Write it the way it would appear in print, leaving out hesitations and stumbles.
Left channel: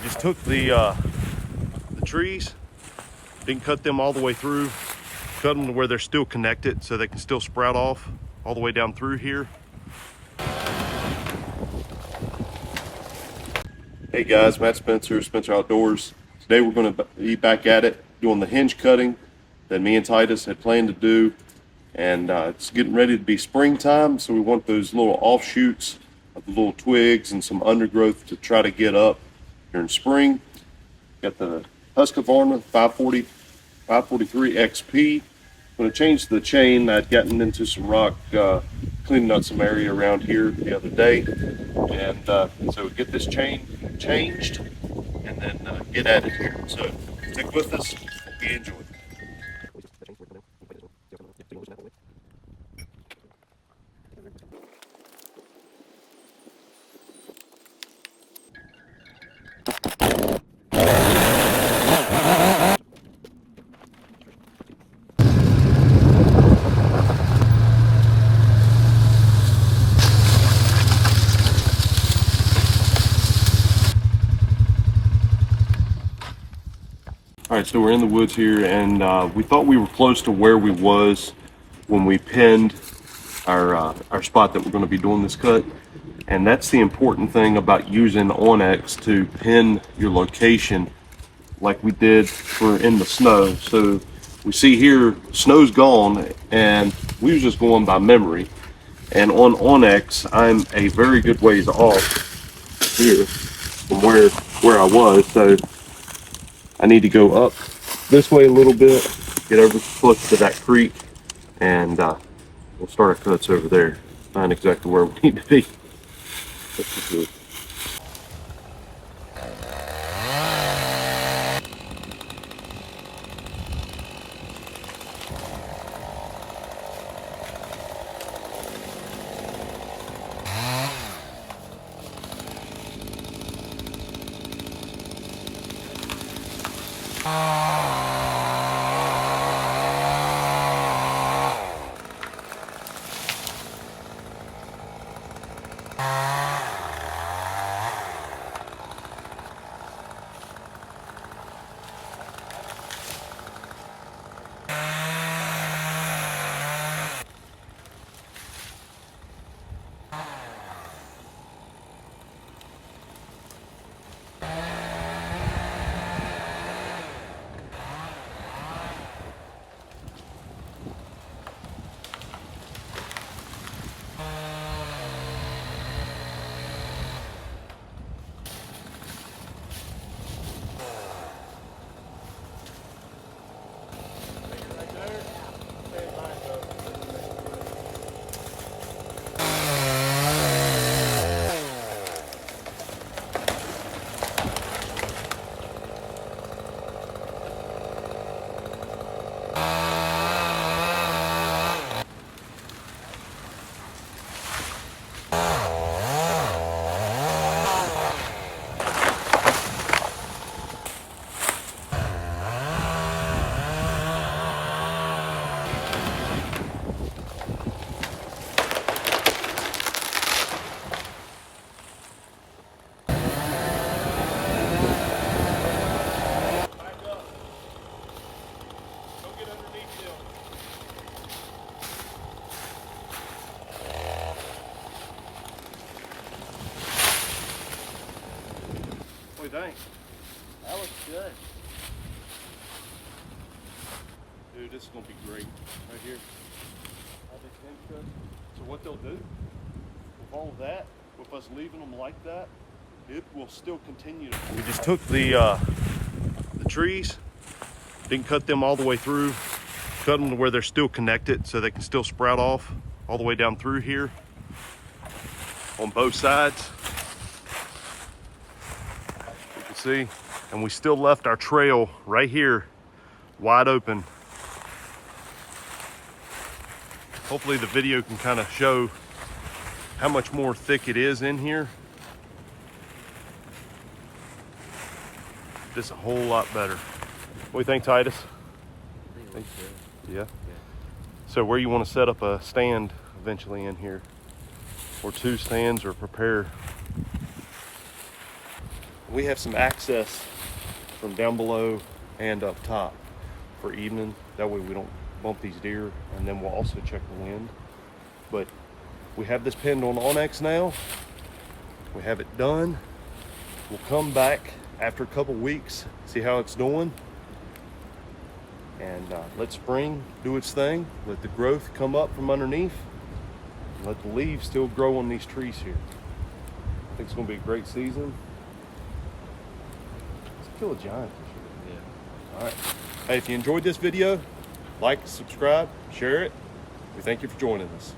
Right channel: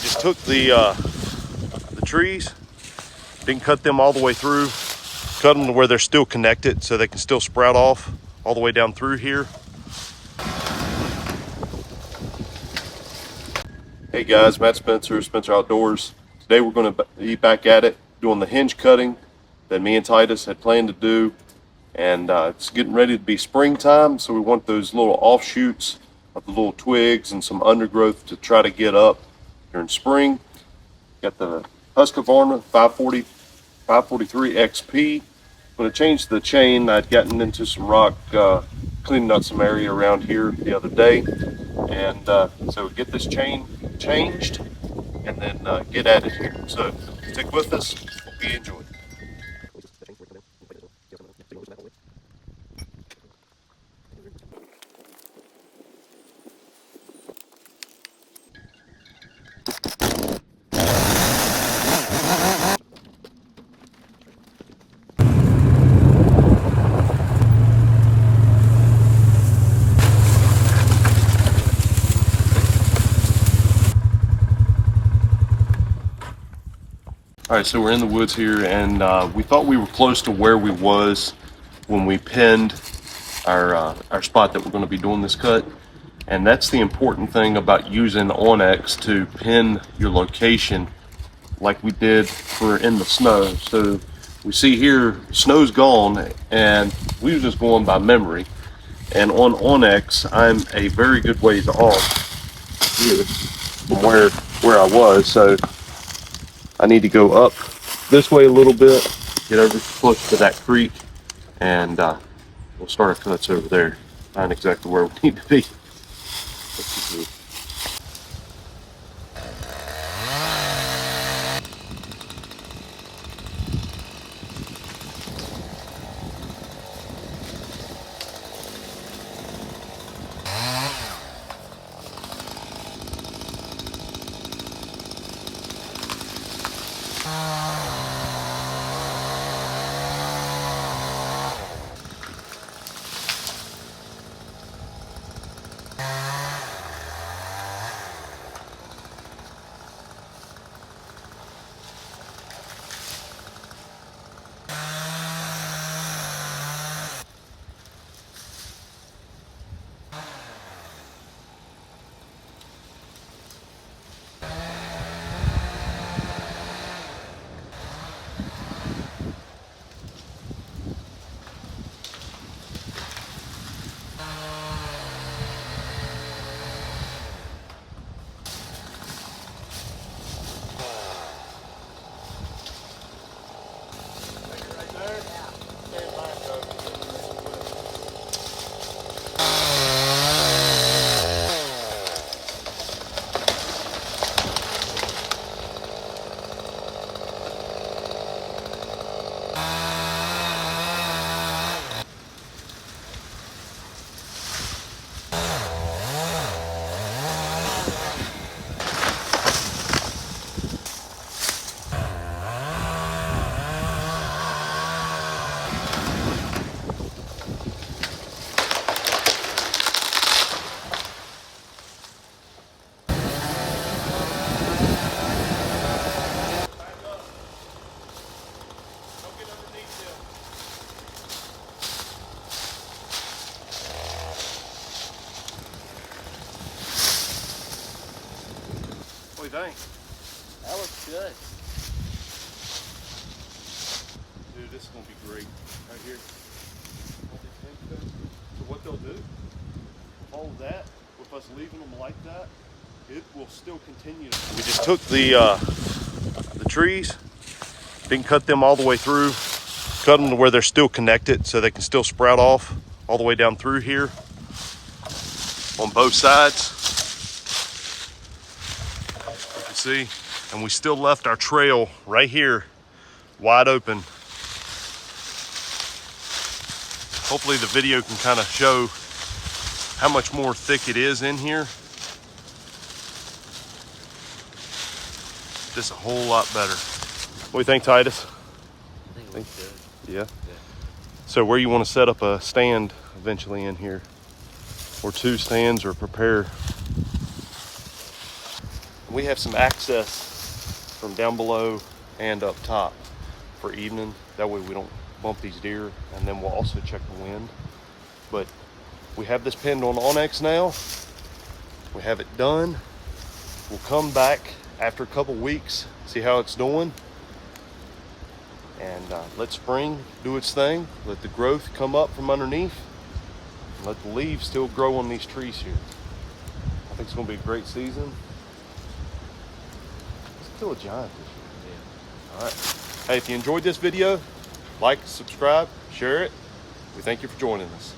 We just took the trees, didn't cut them all the way through, cut them to where they're still connected so they can still sprout off all the way down through here. Hey guys, Matt Spencer, Spencer Outdoors. Today we're going to be back at it doing the hinge cutting that me and Titus had planned to do. And it's getting ready to be springtime, so we want those little offshoots of the little twigs and some undergrowth to try to get up during spring. Got the Husqvarna 543 XP. I'm going to change the chain. I'd gotten into some rock, cleaning out some area around here the other day. And so we get this chain changed and then get at it here. So stick with us. Hope you enjoy. All right, so we're in the woods here, and we thought we were close to where we was when we pinned our spot that we're going to be doing this cut. And that's the important thing about using onX to pin your location like we did for in the snow. So we see here, snow's gone, and we were just going by memory. And on onX, I'm a very good ways off here from where I was. So I need to go up this way a little bit, get over close to that creek, and we'll start our cuts over there. Find exactly where we need to be. Let's see. What do you think? That looks good. Dude, this is going to be great right here. All these hinge cuts. So what they'll do with all of that, with us leaving them like that, it will still continue. We just took the trees, didn't cut them all the way through, cut them to where they're still connected so they can still sprout off all the way down through here on both sides. You can see, and we still left our trail right here wide open. Hopefully the video can kind of show how much more thick it is in here. This a whole lot better. What do you think, Titus? I think it looks good. Yeah. So where you want to set up a stand eventually in here, or two stands, or prepare. We have some access from down below and up top for evening. That way we don't bump these deer, and then we'll also check the wind. But we have this pinned on Onyx now. We have it done. We'll come back after a couple weeks, see how it's doing, and let spring do its thing. Let the growth come up from underneath, and let the leaves still grow on these trees here. I think it's going to be a great season. It's still a giant this year. Yeah. All right. Hey, if you enjoyed this video, like, subscribe, share it. We thank you for joining us.